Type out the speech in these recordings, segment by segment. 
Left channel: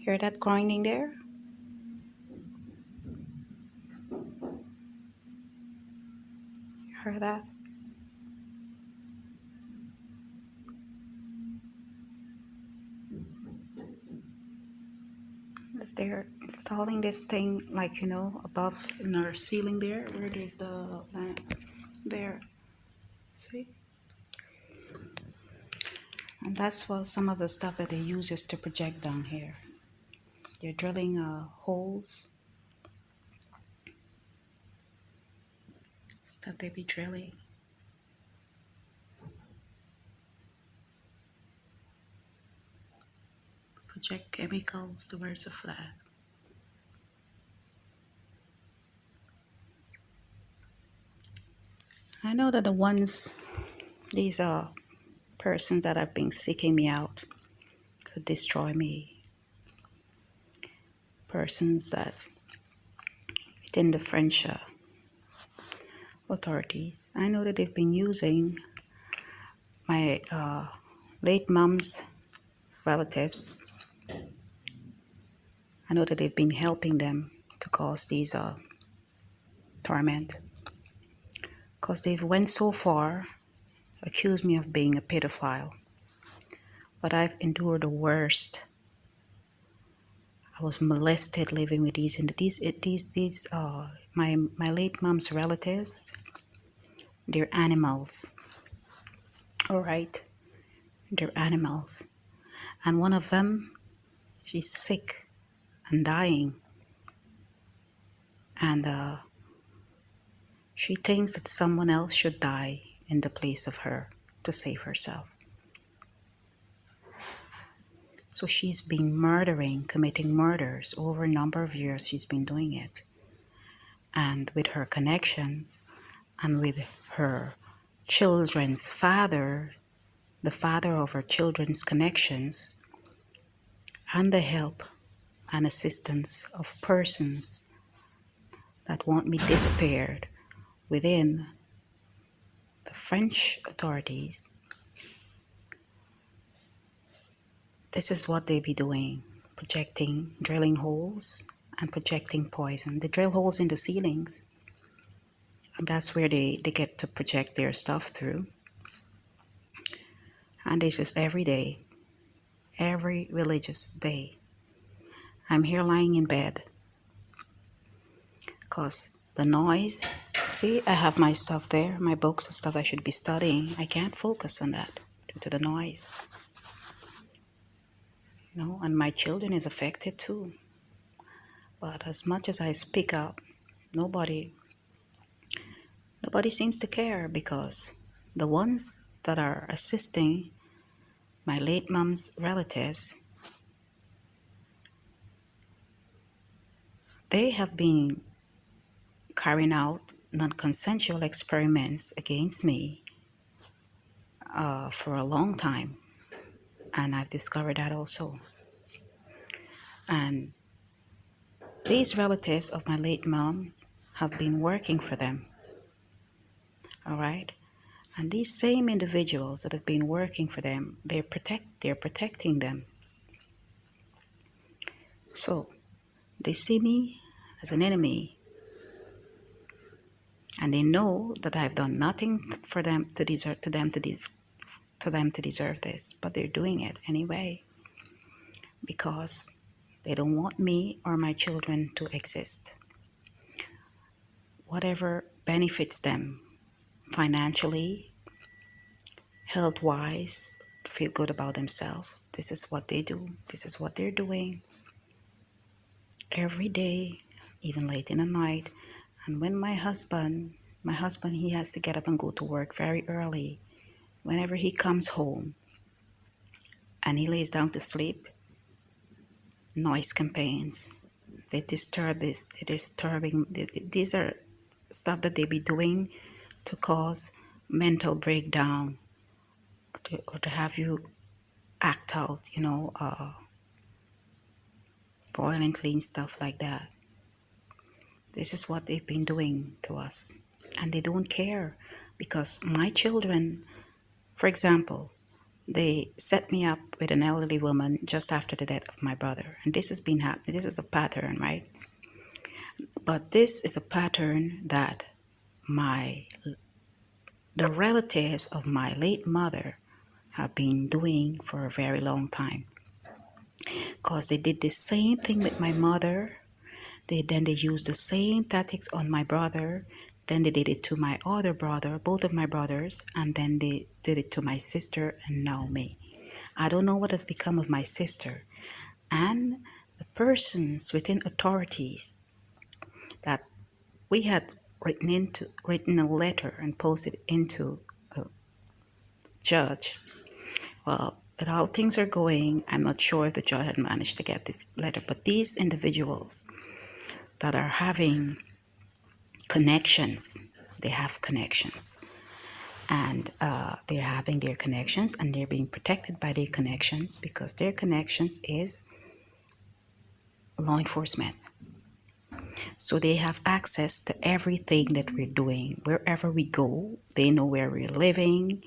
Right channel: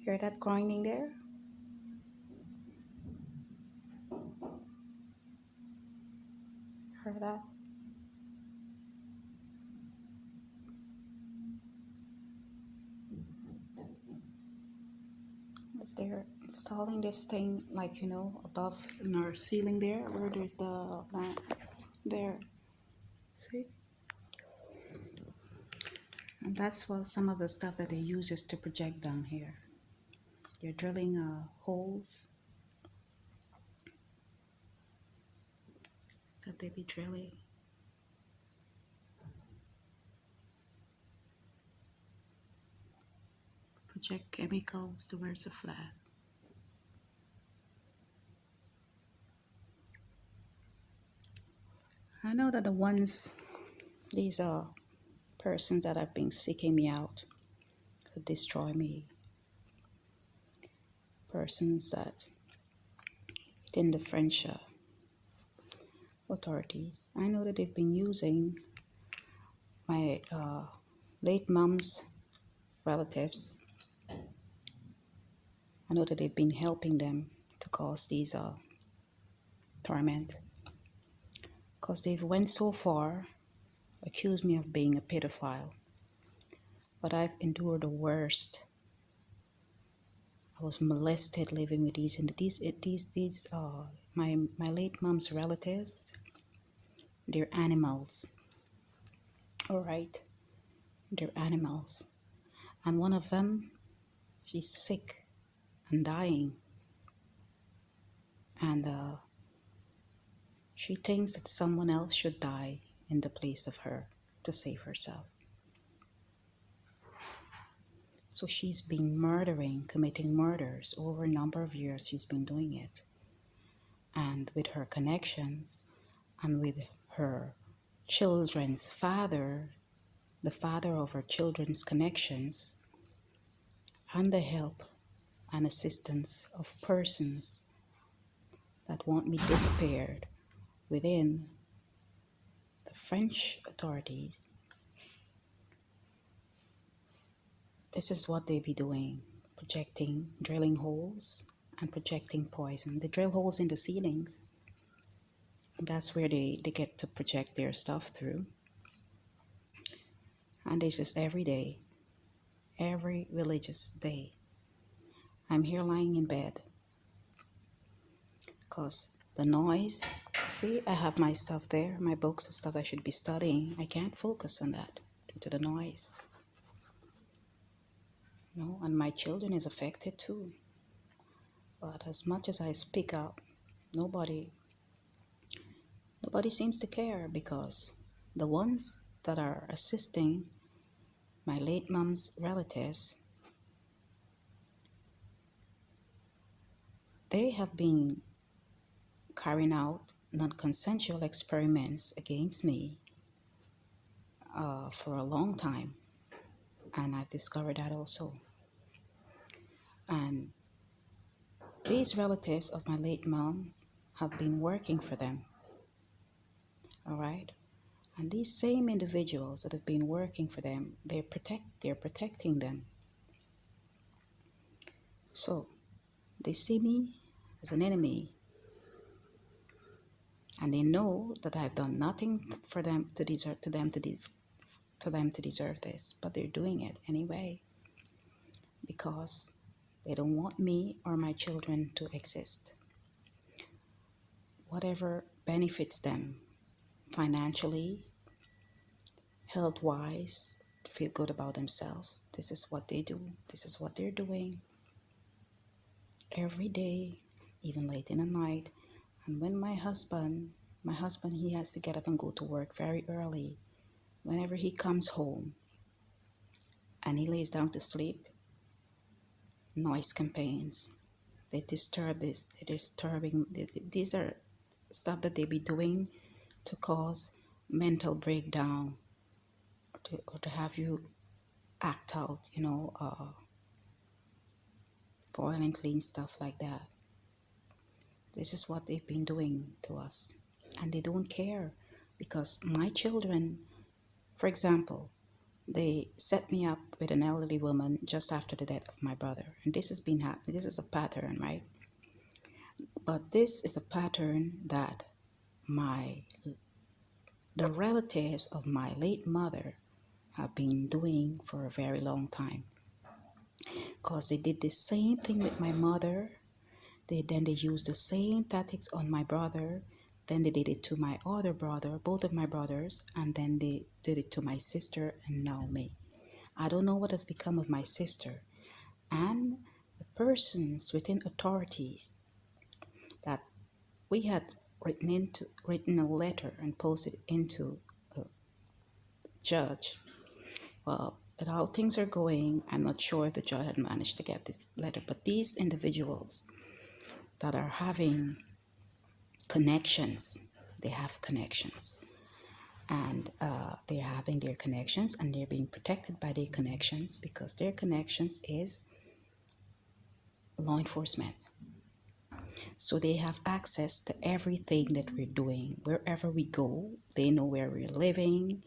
Hear that grinding there? Hear that? As they're installing this thing, like, above in our ceiling there, where there's the lamp there. See? And that's what some of the stuff that they use is to project down here. They're drilling holes. Stuff they be drilling. Project chemicals towards the flat. I know that these are persons that have been seeking me out could destroy me. Persons that within the French authorities, I know that they've been using my late mom's relatives. I know that they've been helping them to cause these torment, because they've went so far, accused me of being a pedophile. But I've endured the worst. I was molested living with my late mom's relatives. They're animals. All right, they're animals, and one of them, she's sick and dying, and she thinks that someone else should die in the place of her to save herself. So she's been committing murders over a number of years. She's been doing it. And with her connections and with her children's father, the father of her children's connections, and the help and assistance of persons that want me disappeared within the French authorities, this is what they be doing, projecting, drilling holes and projecting poison. They drill holes in the ceilings, and that's where they get to project their stuff through. And it's just every day, every religious day. I'm here lying in bed because the noise, see, I have my stuff there, my books and stuff I should be studying. I can't focus on that due to the noise. And my children is affected too. But as much as I speak up, nobody seems to care, because the ones that are assisting my late mom's relatives, they have been carrying out non-consensual experiments against me for a long time, and I've discovered that also. And these relatives of my late mom have been working for them, all right? And these same individuals that have been working for them, they're protecting them. So they see me as an enemy, and they know that I've done nothing for them to deserve this, but they're doing it anyway, because they don't want me or my children to exist. Whatever benefits them financially, health-wise, to feel good about themselves, this is what they do. This is what they're doing every day, even late in the night. And when my husband, he has to get up and go to work very early. Whenever he comes home and he lays down to sleep, noise campaigns. They disturb this. They're disturbing. These are stuff that they be doing to cause mental breakdown, or to have you act out, violently, stuff like that. This is what they've been doing to us, and they don't care, because my children, for example, they set me up with an elderly woman just after the death of my brother. And this has been happening. This is a pattern, right? But this is a pattern that the relatives of my late mother have been doing for a very long time. Because they did the same thing with my mother. They used the same tactics on my brother. Then they did it to my other brother, both of my brothers, and then they did it to my sister and now me. I don't know what has become of my sister. And the persons within authorities that we had written a letter and posted into a judge. Well, with how things are going, I'm not sure if the judge had managed to get this letter, but these individuals that are having connections, they have connections, and they're having their connections, and they're being protected by their connections because their connections is law enforcement. So they have access to everything that we're doing. Wherever we go, they know where we're living.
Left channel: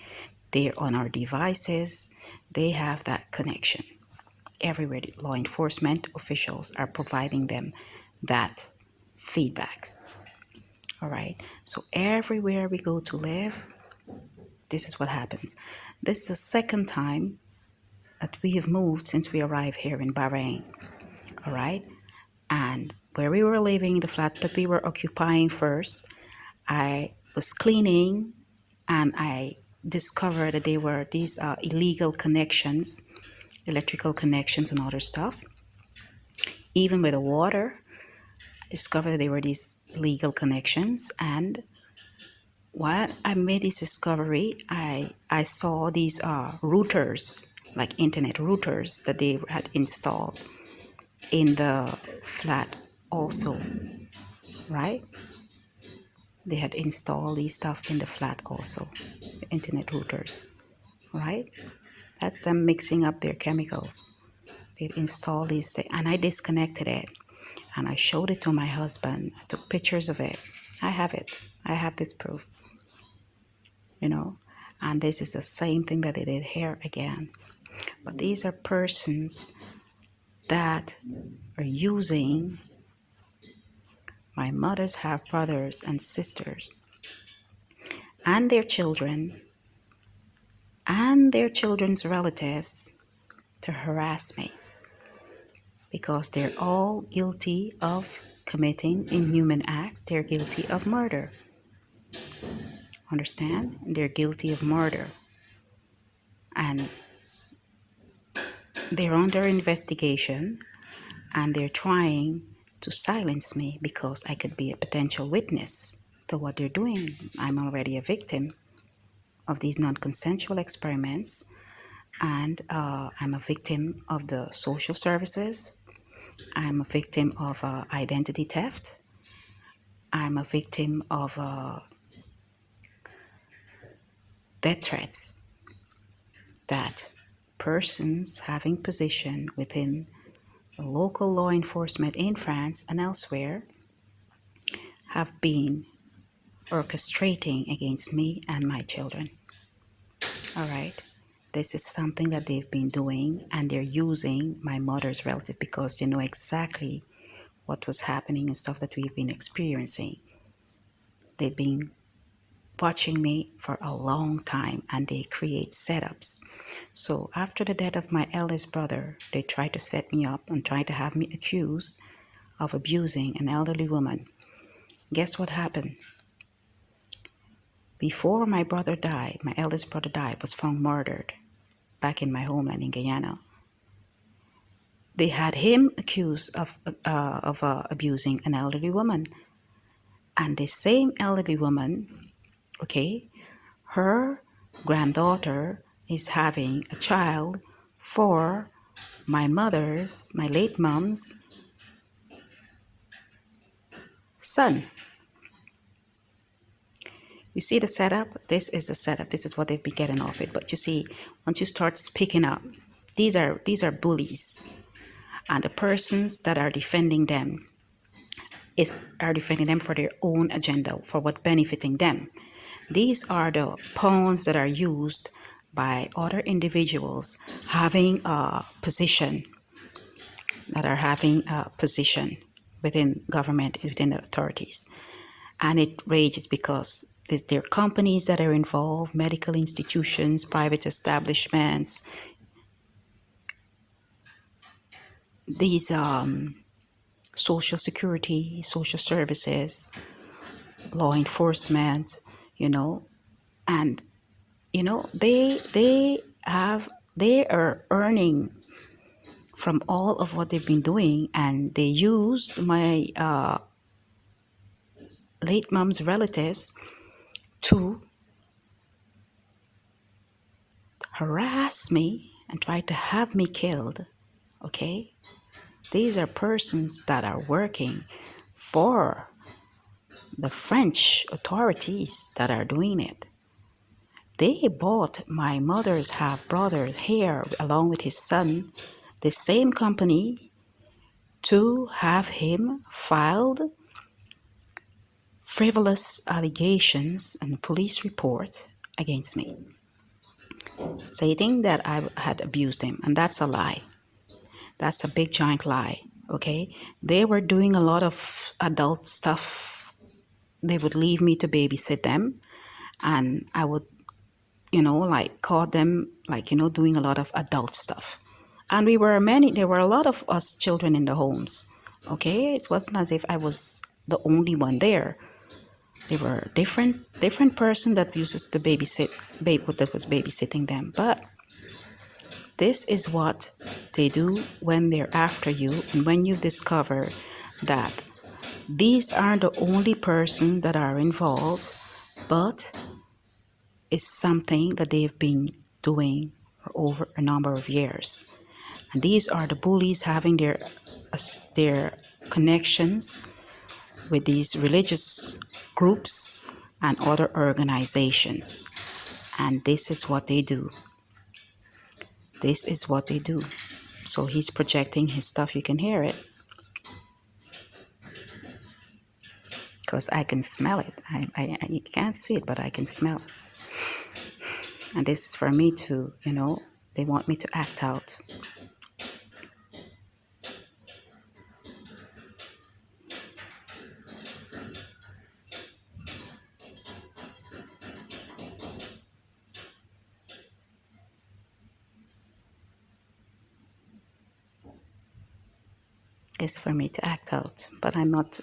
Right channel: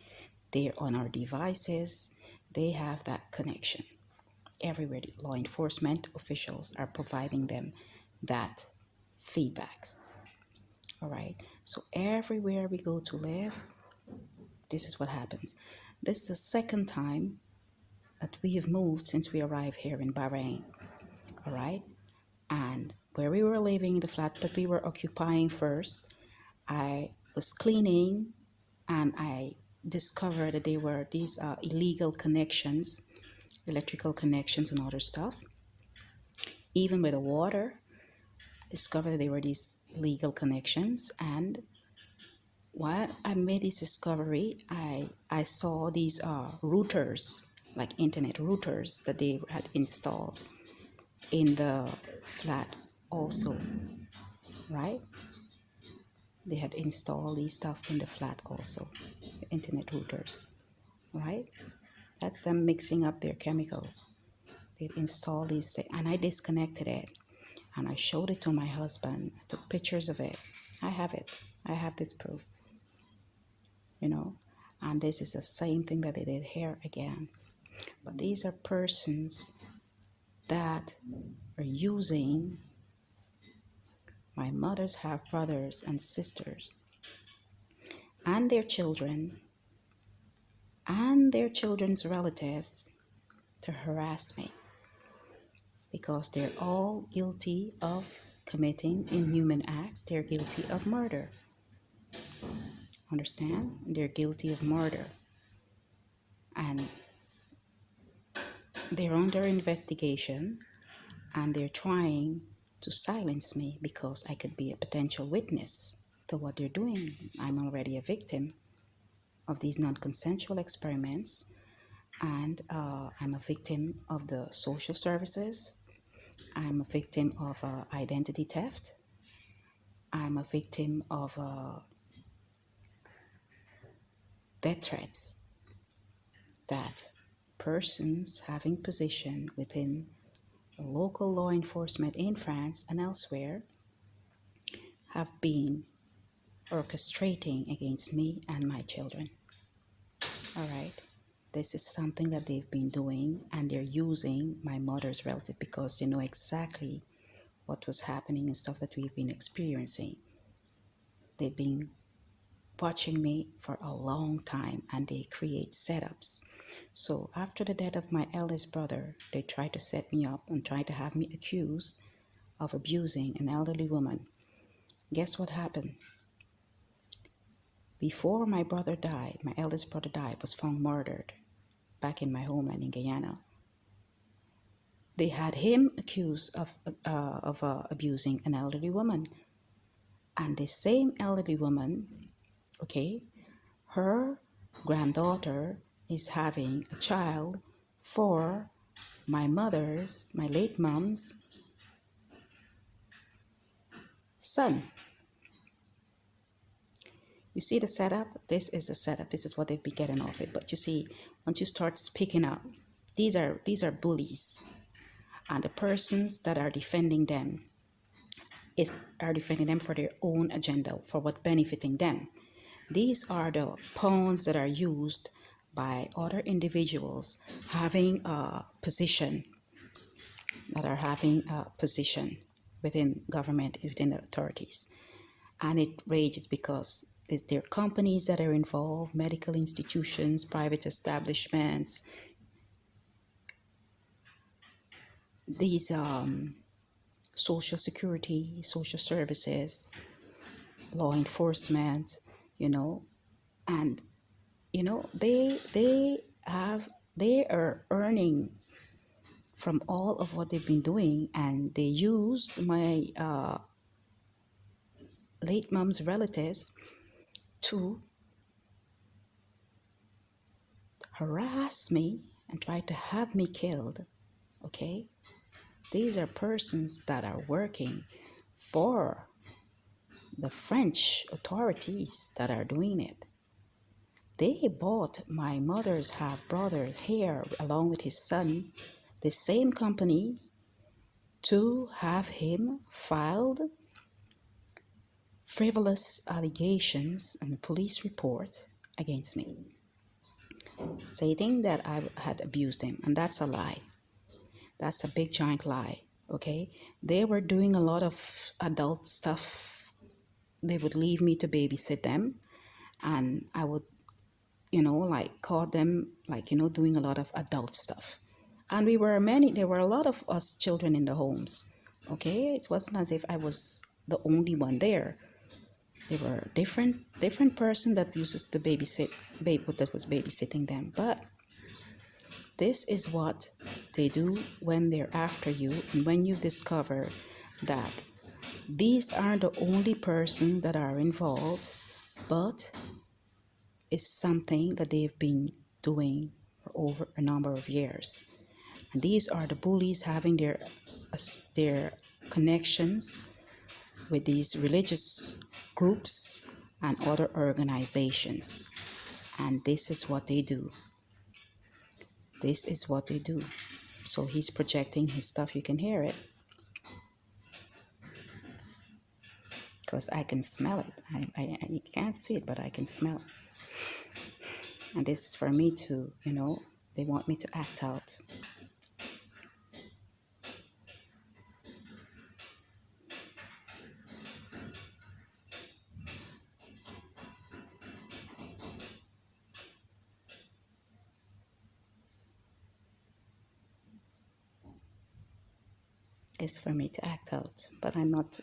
They're on our devices. They have that connection. Everywhere the law enforcement officials are providing them that feedback. All right. So everywhere we go to live, this is what happens. This is the second time that we have moved since we arrived here in Bahrain. All right. And where we were living, the flat that we were occupying first, I was cleaning and I discovered that there were these illegal connections, electrical connections and other stuff. Even with the water, I discovered there were these illegal connections. And while I made this discovery, I saw these routers, like internet routers that they had installed in the flat also, right? They had installed these stuff in the flat also, the internet routers, right? That's them mixing up their chemicals. They'd install these things, and I disconnected it, and I showed it to my husband. I took pictures of it. I have it. I have this proof, and this is the same thing that they did here again. But these are persons that are using my mother's half brothers and sisters and their children and their children's relatives to harass me because they're all guilty of committing inhuman acts. They're guilty of murder. Understand? They're guilty of murder. And they're under investigation, and they're trying to silence me because I could be a potential witness to what they're doing. I'm already a victim of these non-consensual experiments, and I'm a victim of the social services. I'm a victim of identity theft. I'm a victim of death threats that persons having position within the local law enforcement in France and elsewhere have been orchestrating against me and my children. All right. This is something that they've been doing, and they're using my mother's relative because they know exactly what was happening and stuff that we've been experiencing. They've been watching me for a long time, and they create setups. So after the death of my eldest brother, they tried to set me up and tried to have me accused of abusing an elderly woman. Guess what happened? Before my brother died, my eldest brother died, was found murdered back in my homeland in Guyana. They had him accused of abusing an elderly woman. And the same elderly woman, okay, her granddaughter is having a child for my late mom's son. You see the setup? This is the setup. This is what they've been getting off it. But you see, once you start speaking up, these are bullies. And the persons that are defending them are defending them for their own agenda, for what benefiting them. These are the pawns that are used by other individuals having a position, that are having a position within government, within the authorities. And it rages because there are companies that are involved, medical institutions, private establishments, these social security, social services, law enforcement, you know, and they are earning from all of what they've been doing, and they used my late mom's relatives to harass me and try to have me killed. Okay, these are persons that are working for the French authorities that are doing it. They bought my mother's half brother here along with his son, the same company, to have him filed frivolous allegations and police report against me, stating that I had abused him. And that's a lie. That's a big giant lie. Okay, they were doing a lot of adult stuff. They would leave me to babysit them, and I would like caught them, like, doing a lot of adult stuff. And there were a lot of us children in the homes. Okay, it wasn't as if I was the only one there. There were different person that uses to that was babysitting them. But this is what they do when they're after you, and when you discover that these aren't the only person that are involved, but it's something that they've been doing for over a number of years. And these are the bullies having their connections with these religious groups and other organizations. And this is what they do. This is what they do. So he's projecting his stuff. You can hear it, because I can smell it. You can't see it, but I can smell. And this is for me to, they want me to act out. Is for me to act out, but I'm not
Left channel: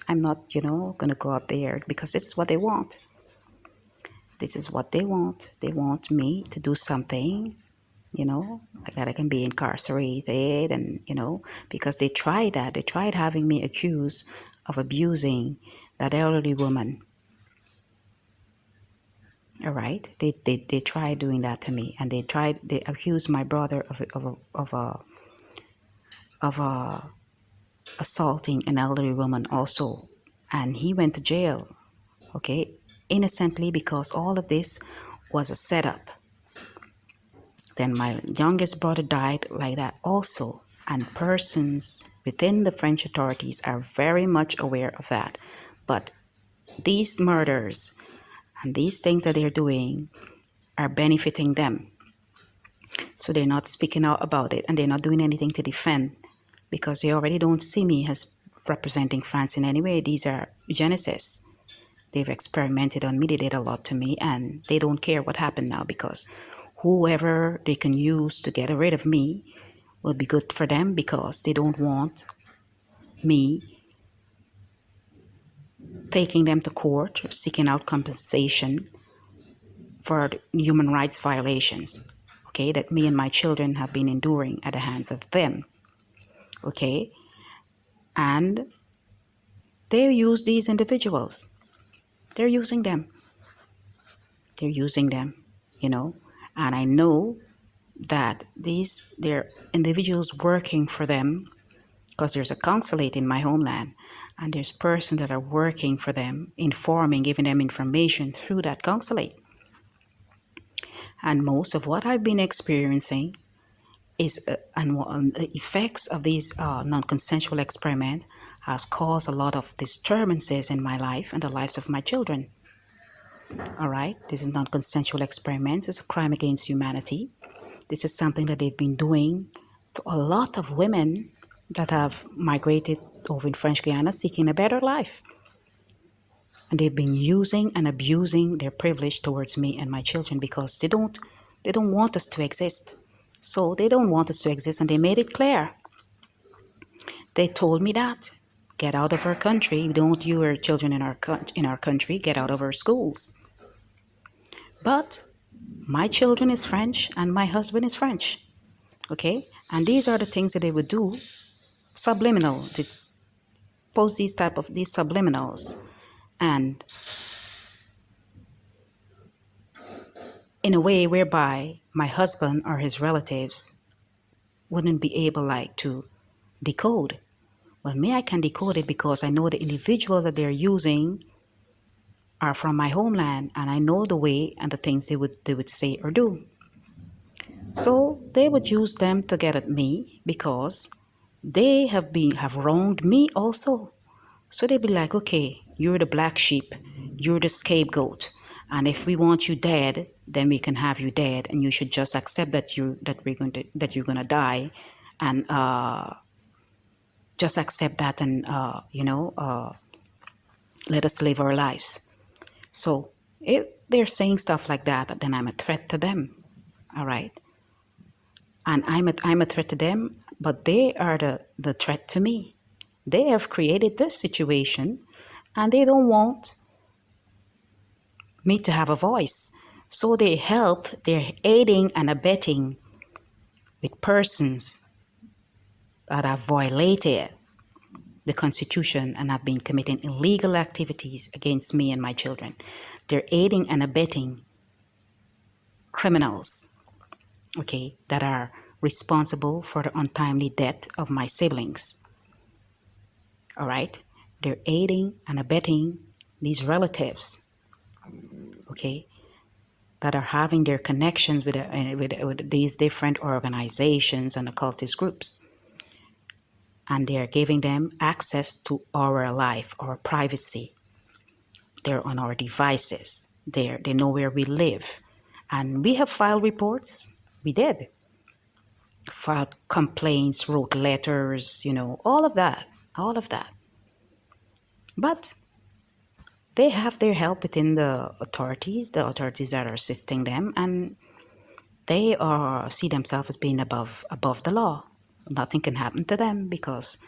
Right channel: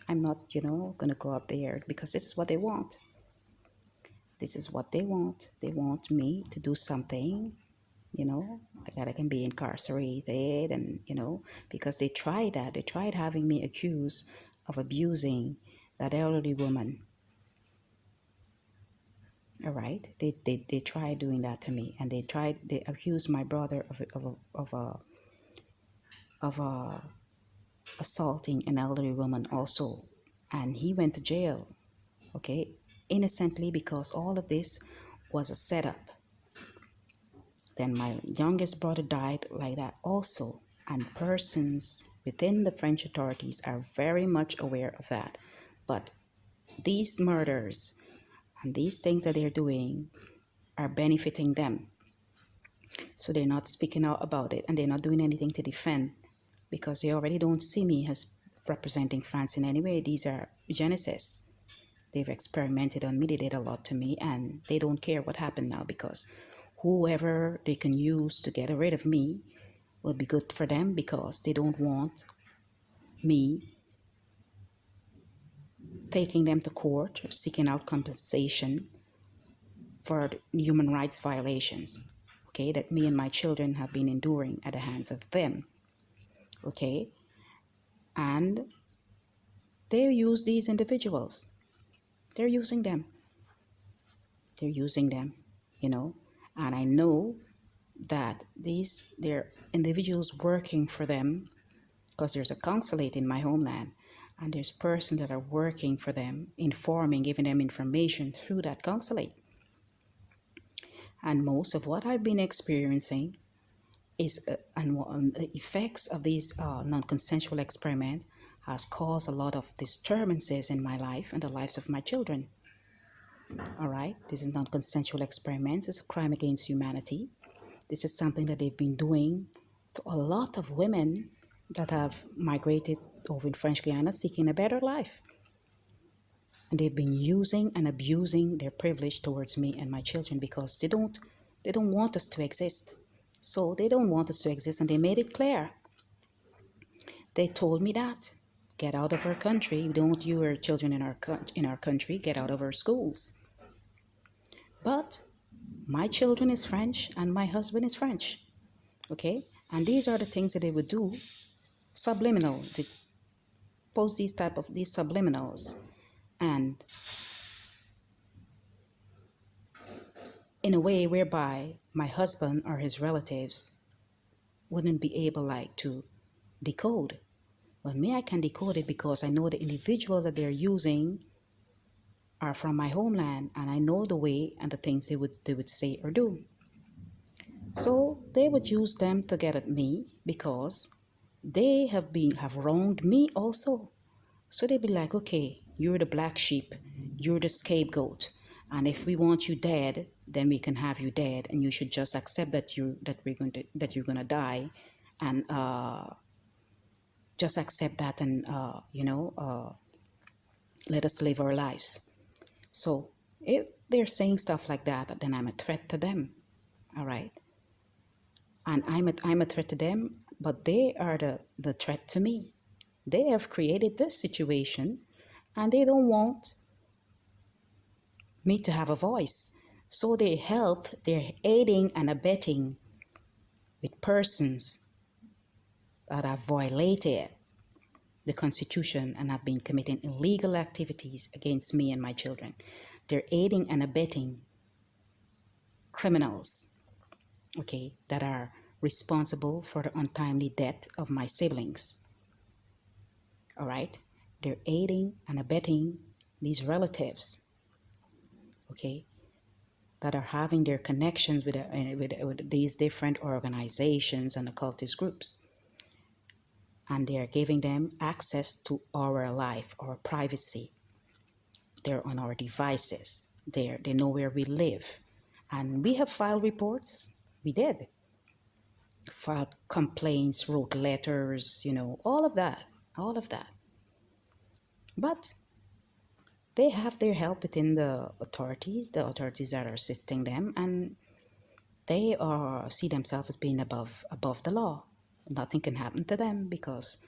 gonna go up there, because this is what they want. This is what they want. They want me to do something, like that I can be incarcerated, and because they tried that. They tried having me accused of abusing that elderly woman. All right, they tried doing that to me, and they accused my brother of assaulting an elderly woman also, and he went to jail, okay, innocently, because all of this was a setup. Then my youngest brother died like that also, and persons within the French authorities are very much aware of that. But these murders and these things that they're doing are benefiting them, so they're not speaking out about it, and they're not doing anything to defend, because they already don't see me as representing France in any way. These are Genesis. They've experimented on me. They did a lot to me, and they don't care what happened now, because whoever they can use to get rid of me will be good for them, because they don't want me taking them to court, seeking out compensation for human rights violations, okay, that me and my children have been enduring at the hands of them. Okay, and they use these individuals. They're using them. They're using them, and I know that they're individuals working for them, because there's a consulate in my homeland, and there's persons that are working for them, informing, giving them information through that consulate. And most of what I've been experiencing is and the effects of these non-consensual experiment has caused a lot of disturbances in my life and the lives of my children. All right, this is non-consensual experiments. It's a crime against humanity. This is something that they've been doing to a lot of women that have migrated over in French Guiana seeking a better life. And they've been using and abusing their privilege towards me and my children because they don't want us to exist. So they don't want us to exist, and they made it clear. They told me that. Get out of our country. We don't want your children in our country. Get out of our schools. But my children is French and my husband is French. Okay? And these are the things that they would do subliminal. They post these subliminals, and in a way whereby my husband or his relatives wouldn't be able like to decode. Well, me, I can decode it because I know the individuals that they're using are from my homeland, and I know the way and the things they would say or do. So they would use them to get at me because they have wronged me also. So they'd be like, okay, you're the black sheep, you're the scapegoat, and if we want you dead, then we can have you dead, and you should just accept that you're gonna die, and just accept that, and let us live our lives. So if they're saying stuff like that, then I'm a threat to them. All right. And I'm a threat to them, but they are the threat to me. They have created this situation and they don't want me to have a voice. So they're aiding and abetting with persons that have violated the Constitution and have been committing illegal activities against me and my children. They're aiding and abetting criminals, okay, that are responsible for the untimely death of my siblings. All right? They're aiding and abetting these relatives, okay, that are having their connections with these different organizations and occultist groups. And they're giving them access to our life, our privacy. They're on our devices. They know where we live. And we have filed reports. We did. Filed complaints, wrote letters, all of that. All of that. But they have their help within the authorities that are assisting them, and they see themselves as being above the law. Nothing can happen to them because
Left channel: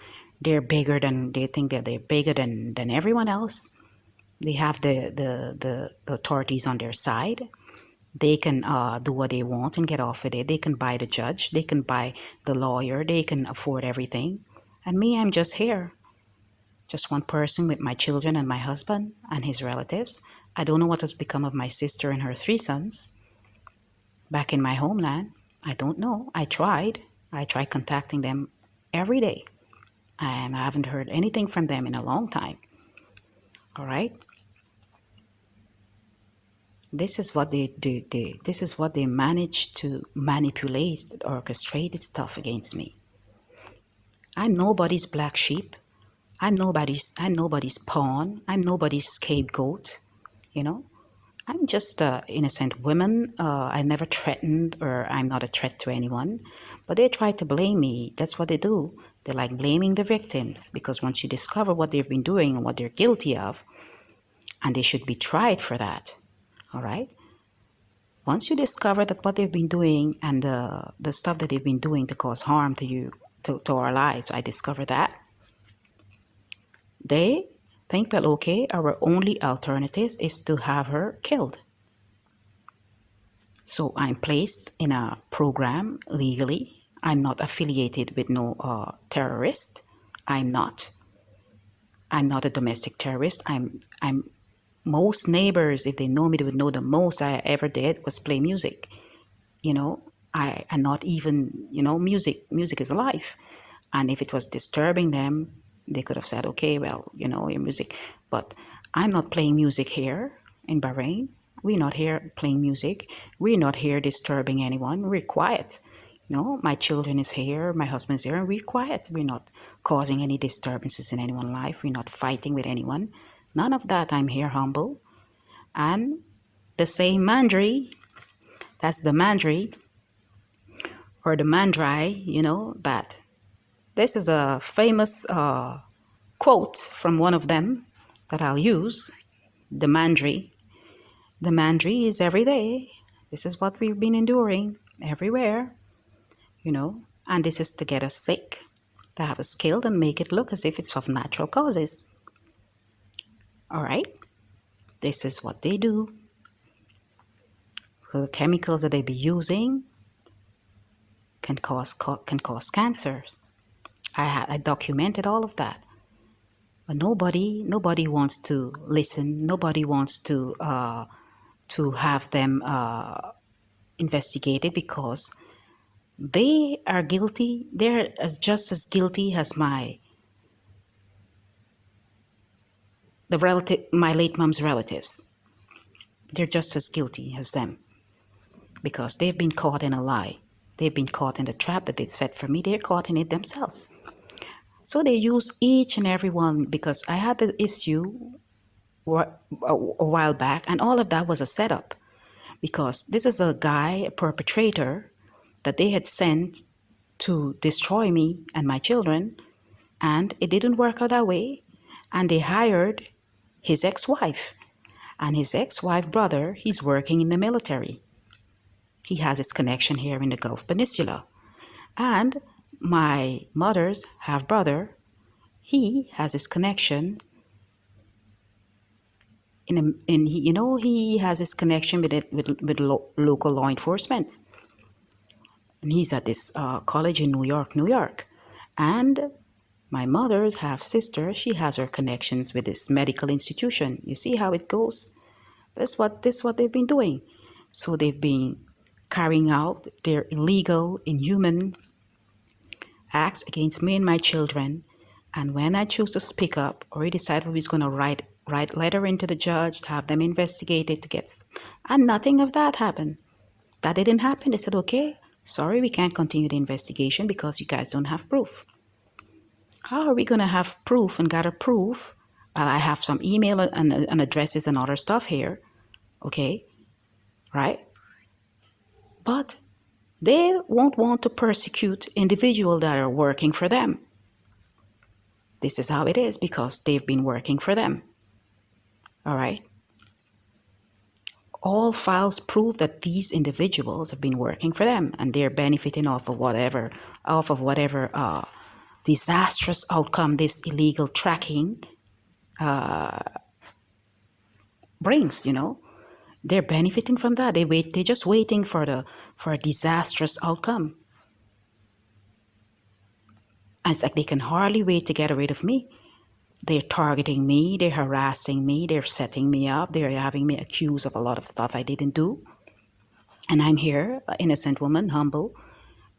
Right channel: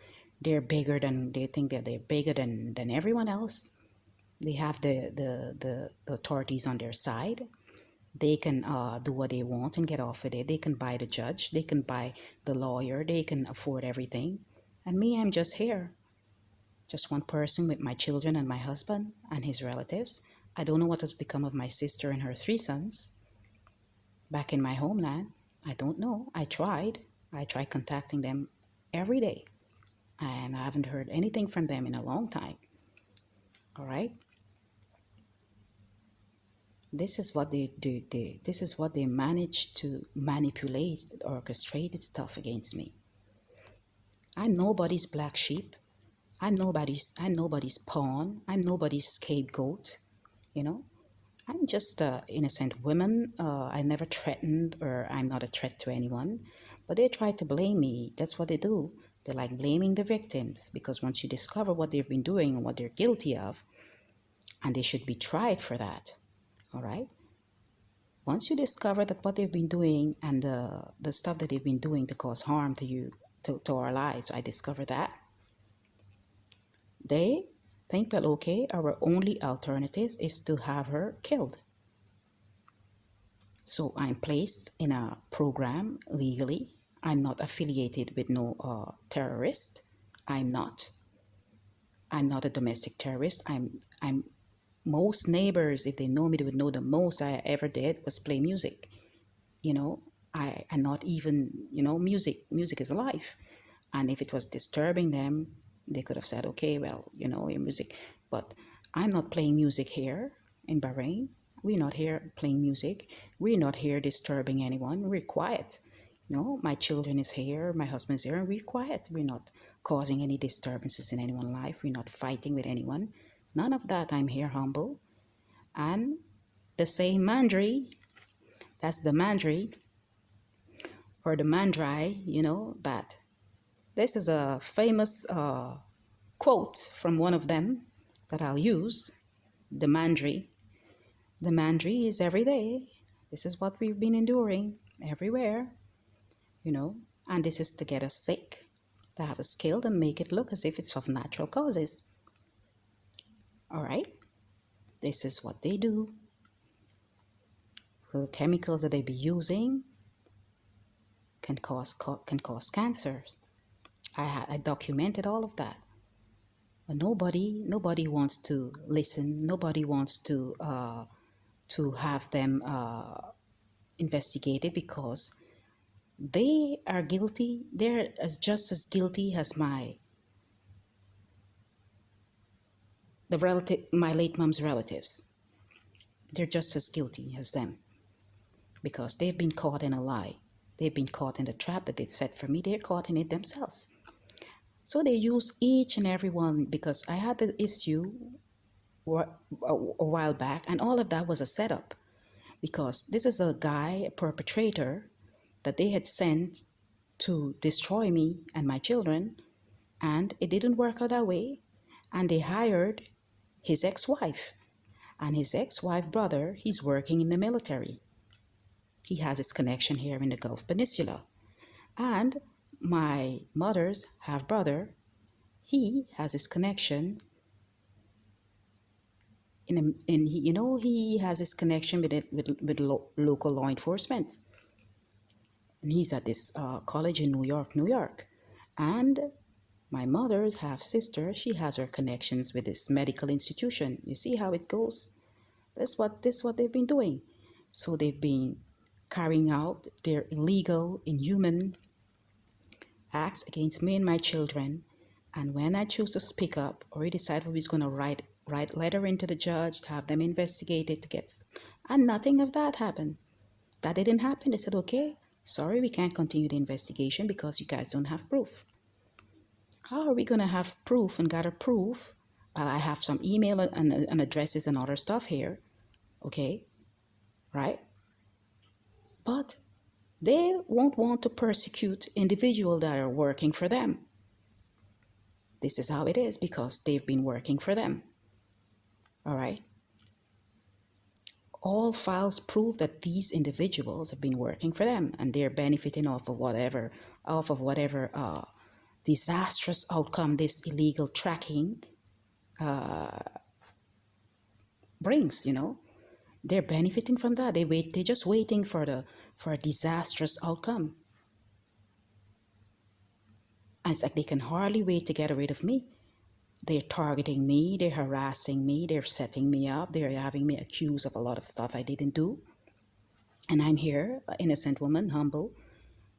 they think that they're bigger than everyone else. They have the authorities on their side. They can do what they want and get off with it. They can buy the judge, they can buy the lawyer, they can afford everything. And me, I'm just here. Just one person with my children and my husband and his relatives. I don't know what has become of my sister and her 3 sons back in my homeland. I don't know. I tried contacting them every day, and I haven't heard anything from them in a long time. All right. This is what they do. This is what they manage to manipulate, orchestrated stuff against me. I'm nobody's black sheep. I'm nobody's pawn. I'm nobody's scapegoat. I'm just an innocent woman. I never threatened, or I'm not a threat to anyone. But they try to blame me. That's what they do. They like blaming the victims, because once you discover what they've been doing and what they're guilty of, and they should be tried for that. All right? Once you discover that what they've been doing and the stuff that they've been doing to cause harm to you, to our lives, I discover that, they think that, okay, our only alternative is to have her killed. So I'm placed in a program legally. I'm not affiliated with no terrorist. I'm not a domestic terrorist. I'm most neighbors, if they know me, they would know the most I ever did was play music. I and not even, music is life. And if it was disturbing them, they could have said, okay, well, your music. But I'm not playing music here in Bahrain. We're not here playing music. We're not here disturbing anyone. We're quiet. My children is here, my husband's here, and we're quiet. We're not causing any disturbances in anyone's life. We're not fighting with anyone. None of that. I'm here humble. And the same mandry, that's the mandry or the mandrai, but this is a famous quote from one of them that I'll use. The mandry. The mandry is every day. This is what we've been enduring everywhere, and this is to get us sick, to have us killed and make it look as if it's of natural causes. All right? This is what they do. So the chemicals that they be using can cause cancer. I documented all of that, but nobody wants to listen. Nobody wants to have them investigated, because they are guilty. They're just as guilty as my late mom's relatives. They're just as guilty as them, because they've been caught in a lie. They've been caught in the trap that they've set for me. They're caught in it themselves. So they use each and every one, because I had the issue a while back, and all of that was a setup, because this is a guy, a perpetrator, that they had sent to destroy me and my children, and it didn't work out that way, and they hired his ex-wife, and his ex-wife brother, he's working in the military. He has his connection here in the Gulf Peninsula. And my mother's half-brother, he has his connection he has his connection with local law enforcement. And he's at this college in New York. And my mother's half-sister, she has her connections with this medical institution. You see how it goes? This is what they've been doing. So they've been carrying out their illegal, inhuman acts against me and my children. And when I choose to speak up, or he decided we was going to write letter into the judge, have them investigated and nothing of that happened. That didn't happen. They said, okay, sorry, we can't continue the investigation because you guys don't have proof. How are we going to have proof and gather proof? I have some email and addresses and other stuff here. Okay, right? But they won't want to persecute individuals that are working for them. This is how it is, because they've been working for them. All right? All files prove that these individuals have been working for them, and they're benefiting off of whatever disastrous outcome this illegal tracking brings. They're benefiting from that. They're just waiting for a disastrous outcome. And it's like they can hardly wait to get rid of me. They're targeting me, they're harassing me, they're setting me up, they're having me accused of a lot of stuff I didn't do. And I'm here, an innocent woman, humble,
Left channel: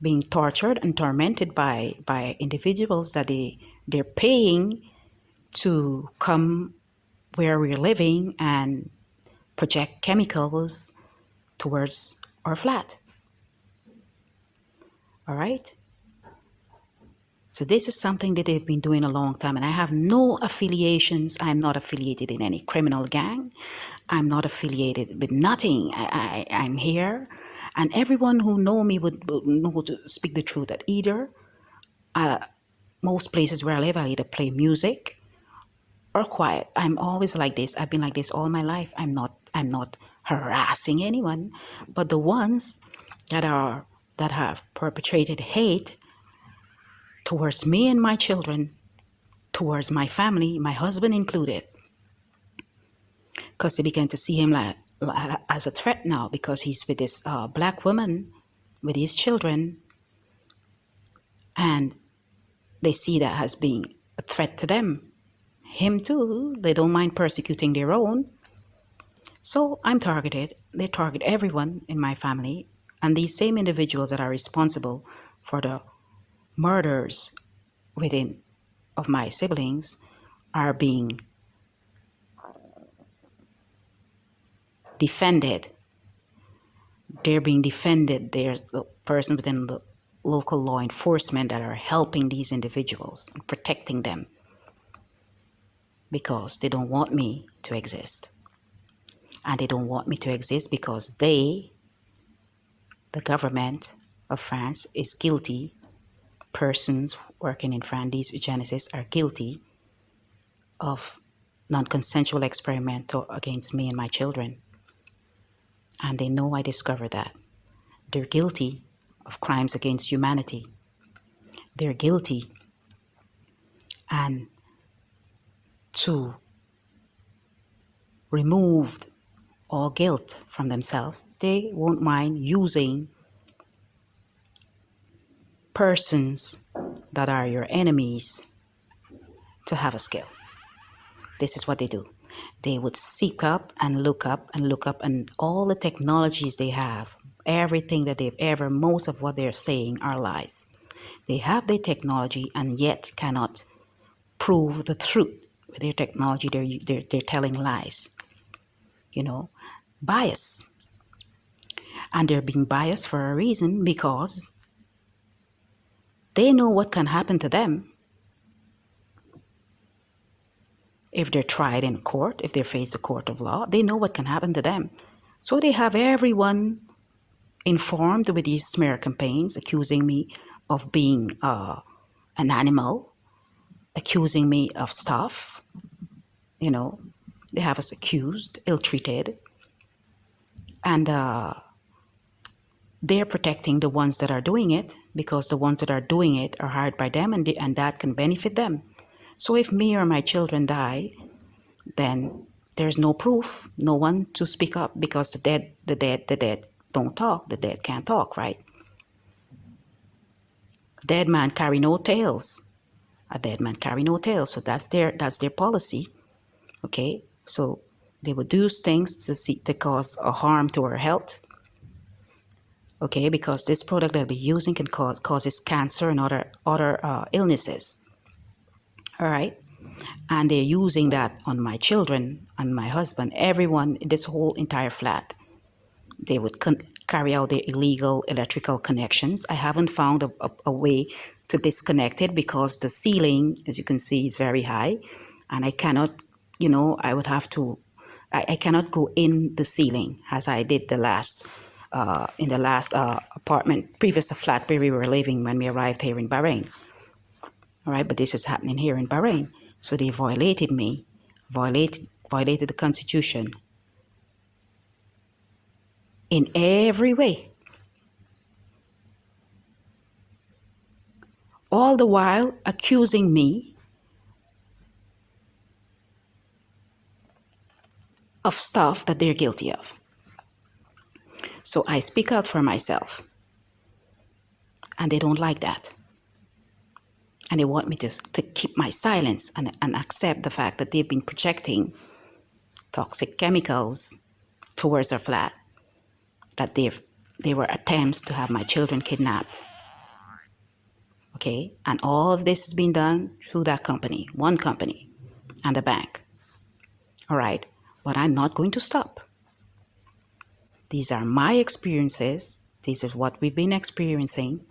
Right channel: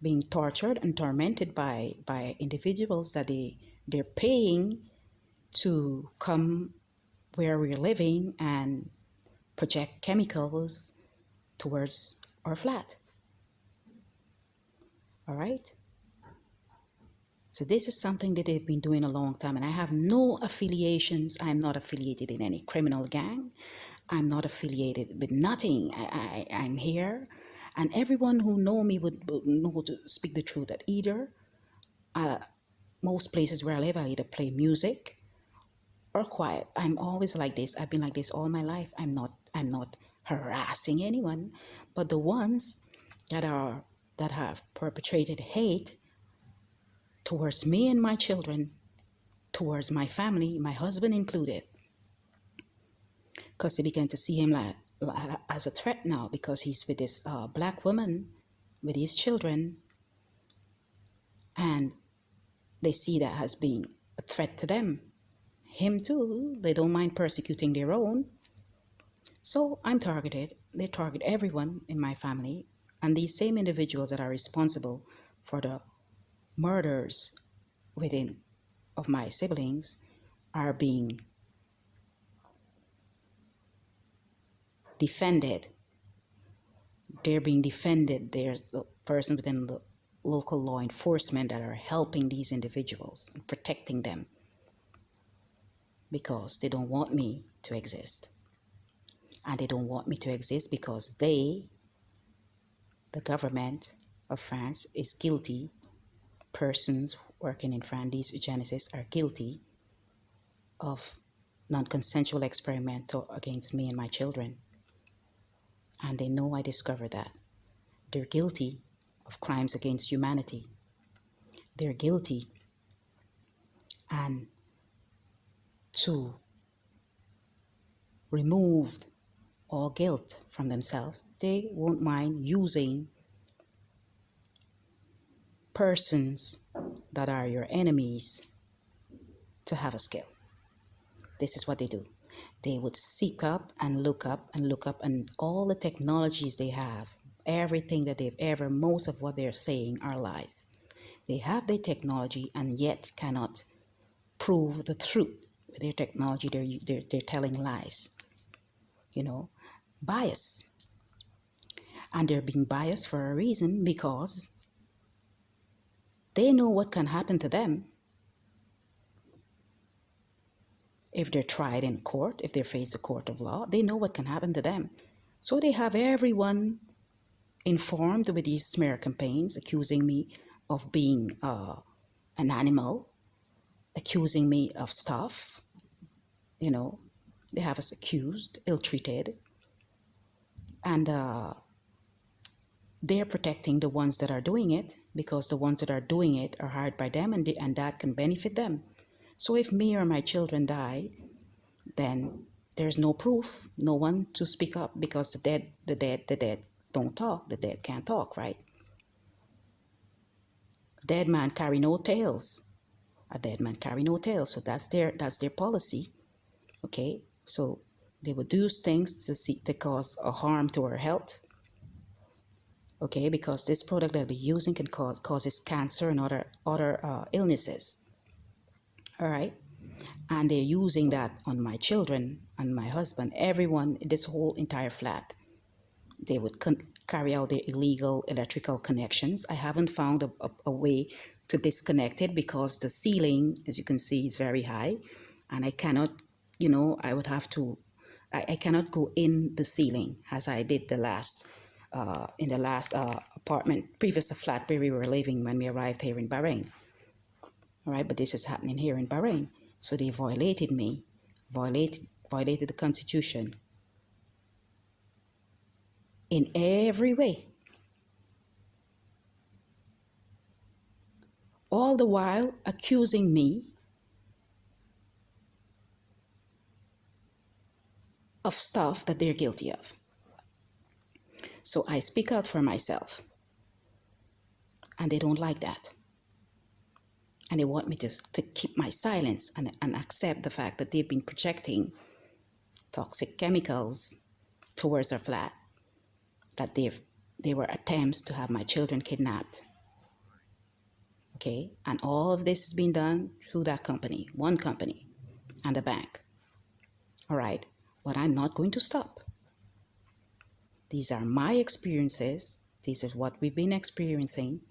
being tortured and tormented by individuals that they're paying to come where we're living and project chemicals towards our flat. All right? So this is something that they've been doing a long time, and I have no affiliations. I'm not affiliated in any criminal gang. I'm not affiliated with nothing. I'm here, and everyone who know me would know to speak the truth, that either most places where I live, I either play music or quiet. I'm always like this. I've been like this all my life. I'm not harassing anyone, but the ones that have perpetrated hate towards me and my children, towards my family, my husband included, because they began to see him as a threat now, because he's with this black woman, with his children, and they see that as being a threat to them. Him too, they don't mind persecuting their own. So I'm targeted. They target everyone in my family, and these same individuals that are responsible for the murders of my siblings are being defended. They're being defended. There's the person within the local law enforcement that are helping these individuals and protecting them, because they don't want me to exist. And they don't want me to exist because they, the government of France, is guilty. Persons working in France, these eugenicists, are guilty of non-consensual experimental against me and my children. And they know I discovered that. They're guilty of crimes against humanity. They're guilty. And to remove all guilt from themselves, they won't mind using persons that are your enemies to have a skill. This is what they do. They would seek up and look up and look up, and all the technologies they have, everything that they've ever, most of what they're saying are lies. They have their technology and yet cannot prove the truth. With their technology, they're telling lies. You know, bias. And they're being biased for a reason, because they know what can happen to them if they're tried in court, if they face the court of law. They know what can happen to them. So they have everyone informed with these smear campaigns, accusing me of being an animal, accusing me of stuff. You know, they have us accused, ill-treated. And they're protecting the ones that are doing it, because the ones that are doing it are hired by them, and that can benefit them. So if me or my children die, then there's no proof, no one to speak up, because the dead don't talk. The dead can't talk, right? A dead man carry no tales. A dead man carry no tales. So that's their policy. Okay, so they would do things to cause a harm to our health. Okay, because this product that we're using can causes cancer and other illnesses. All right, and they're using that on my children, on my husband, everyone, this whole entire flat. They would carry out their illegal electrical connections. I haven't found a way to disconnect it, because the ceiling, as you can see, is very high, and I cannot, I would have to, I cannot go in the ceiling as I did in the last previous flat where we were living when we arrived here in Bahrain. All right, but this is happening here in Bahrain. So they violated the Constitution in every way. All the while accusing me of stuff that they're guilty of. So I speak out for myself. And they don't like that. And they want me to keep my silence and accept the fact that they've been projecting toxic chemicals towards our flat, that they were attempts to have my children kidnapped. Okay, and all of this has been done through that company, one company, and the bank. All right, but I'm not going to stop. These are my experiences. This is what we've been experiencing.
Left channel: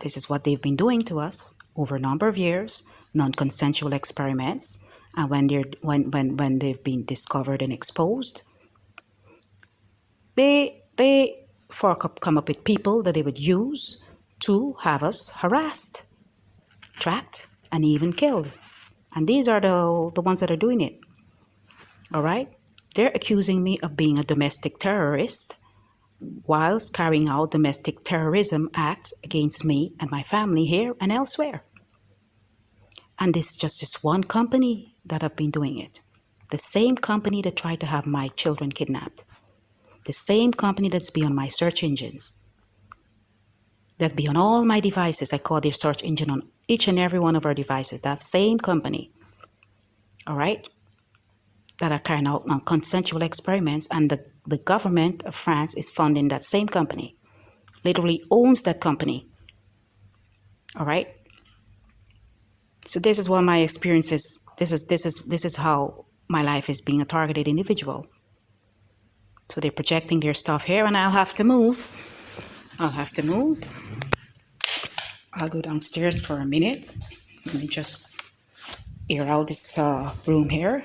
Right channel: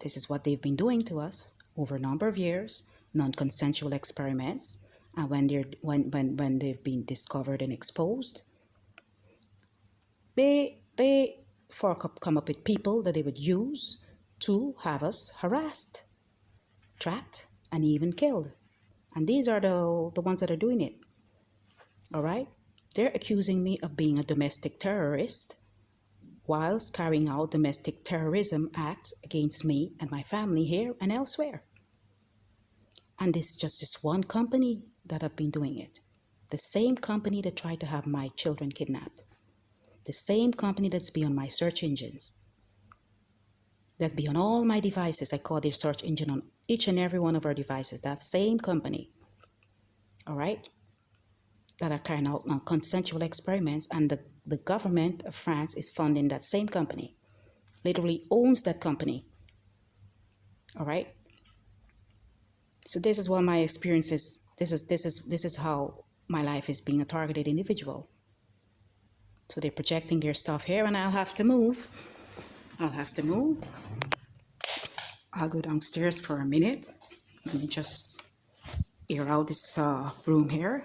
This is what they've been doing to us over a number of years, non-consensual experiments. And when they've been discovered and exposed, they come up with people that they would use to have us harassed, tracked, and even killed. And these are the ones that are doing it. All right? They're accusing me of being a domestic terrorist whilst carrying out domestic terrorism acts against me and my family here and elsewhere. And this is just this one company that have been doing it. The same company that tried to have my children kidnapped. The same company that's beyond my search engines. That's beyond all my devices. I call their search engine on each and every one of our devices. That same company. All right? That are carrying out non-consensual experiments, and the government of France is funding that same company. Literally owns that company. All right? So this is what my experiences, this is how my life is being a targeted individual. So they're projecting their stuff here, and I'll have to move. I'll go downstairs for a minute. Let me just air out this room here.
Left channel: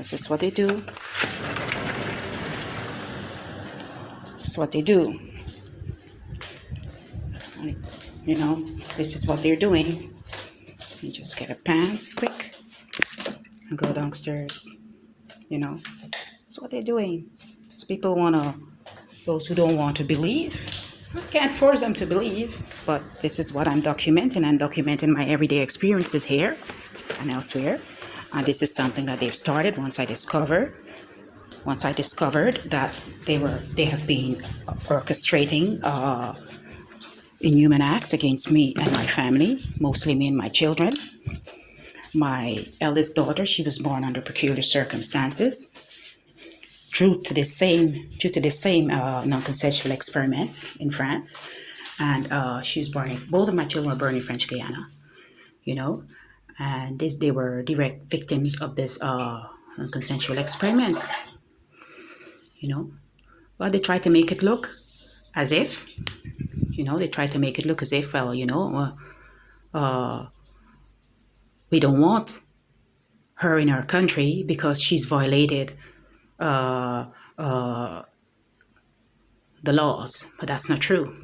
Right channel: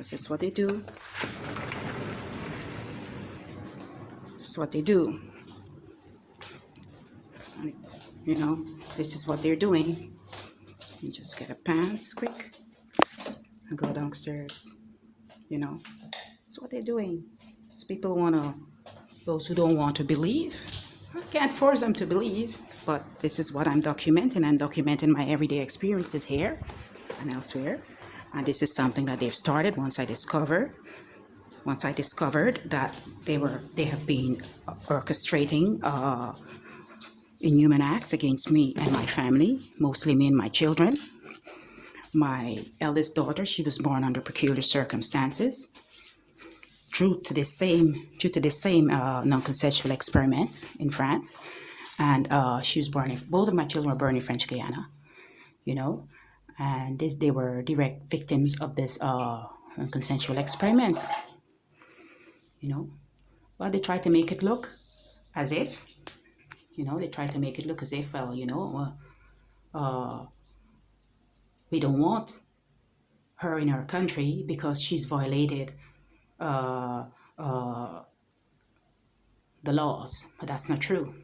This is what they do. This is what they do. You know, this is what they're doing. You just get a pants quick and go downstairs. You know, that's what they're doing. So people those who don't want to believe, I can't force them to believe, but this is what I'm documenting. I'm documenting my everyday experiences here and elsewhere. And this is something that they've started once I discovered that they have been orchestrating inhuman acts against me and my family, mostly me and my children. My eldest daughter, she was born under peculiar circumstances due to the same non-consensual experiments in France. And she was born, both of my children were born in French Guiana, you know, and they were direct victims of this non-consensual experiments, you know. But they try to make it look as if, well, you know, we don't want her in our country because she's violated the laws. But that's not true.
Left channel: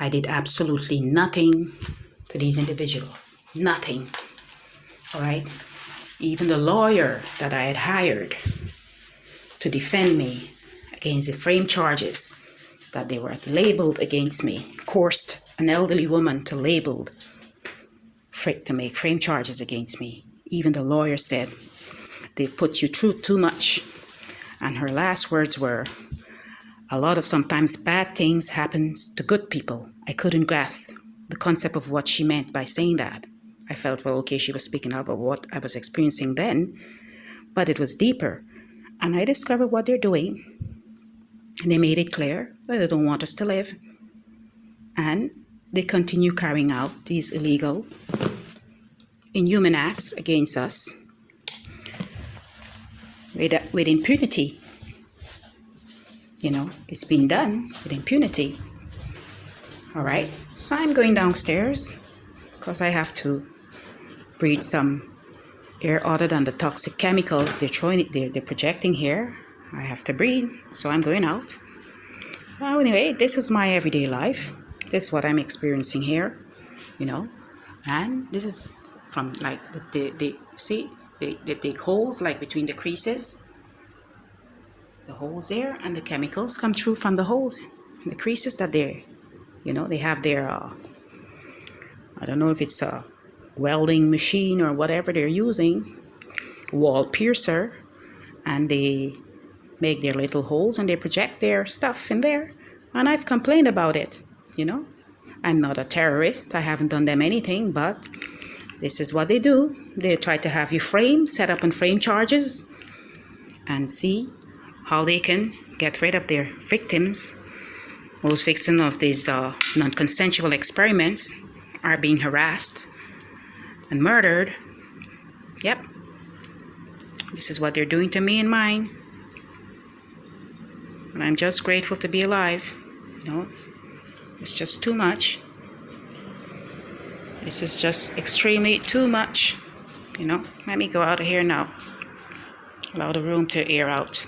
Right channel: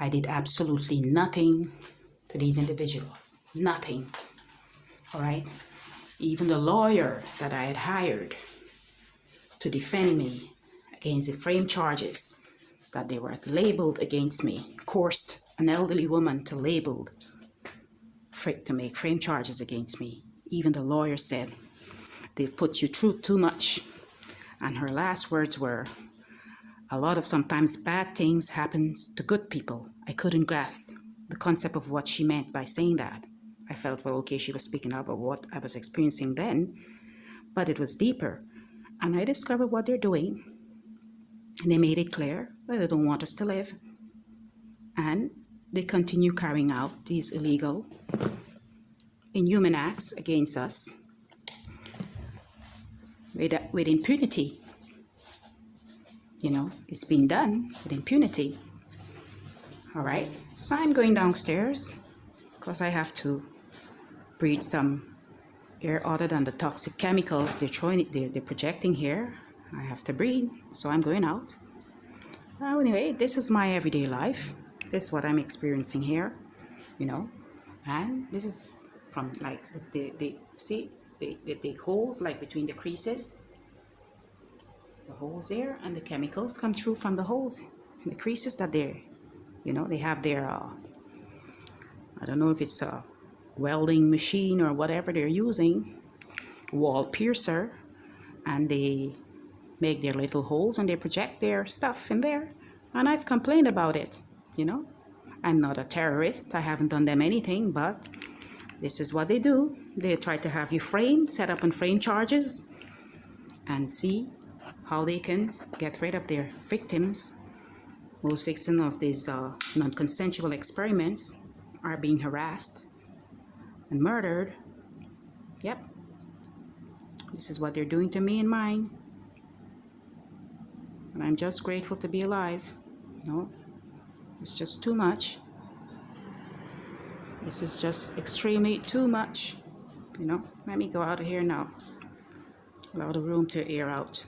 I did absolutely nothing to these individuals. Nothing. All right? Even the lawyer that I had hired to defend me against the frame charges that they were labeled against me, coerced an elderly woman to make frame charges against me. Even the lawyer said, they put you through too much. And her last words were, a lot of sometimes bad things happen to good people. I couldn't grasp the concept of what she meant by saying that. I felt, well, okay, she was speaking about what I was experiencing then, but it was deeper. And I discovered what they're doing. And they made it clear that they don't want us to live. And they continue carrying out these illegal, inhuman acts against us with impunity. You know, it's being done with impunity. All right, so I'm going downstairs because I have to breathe some air other than the toxic chemicals they're projecting here. I have to breathe, so I'm going out. Well, anyway, this is my everyday life. This is what I'm experiencing here, you know, and this is from like they dig holes like between the creases, the holes there, and the chemicals come through from the holes and the creases that they have their I don't know if it's a welding machine or whatever they're using, wall piercer, and they make their little holes and they project their stuff in there. And I've complained about it, you know. I'm not a terrorist. I haven't done them anything, but this is what they do. They try to have you set up on frame charges, and see how they can get rid of their victims. Most victims of these non-consensual experiments are being harassed and murdered. Yep. This is what they're doing to me and mine. And I'm just grateful to be alive. You know, it's just too much. This is just extremely too much. You know, let me go out of here now. Allow the room to air out.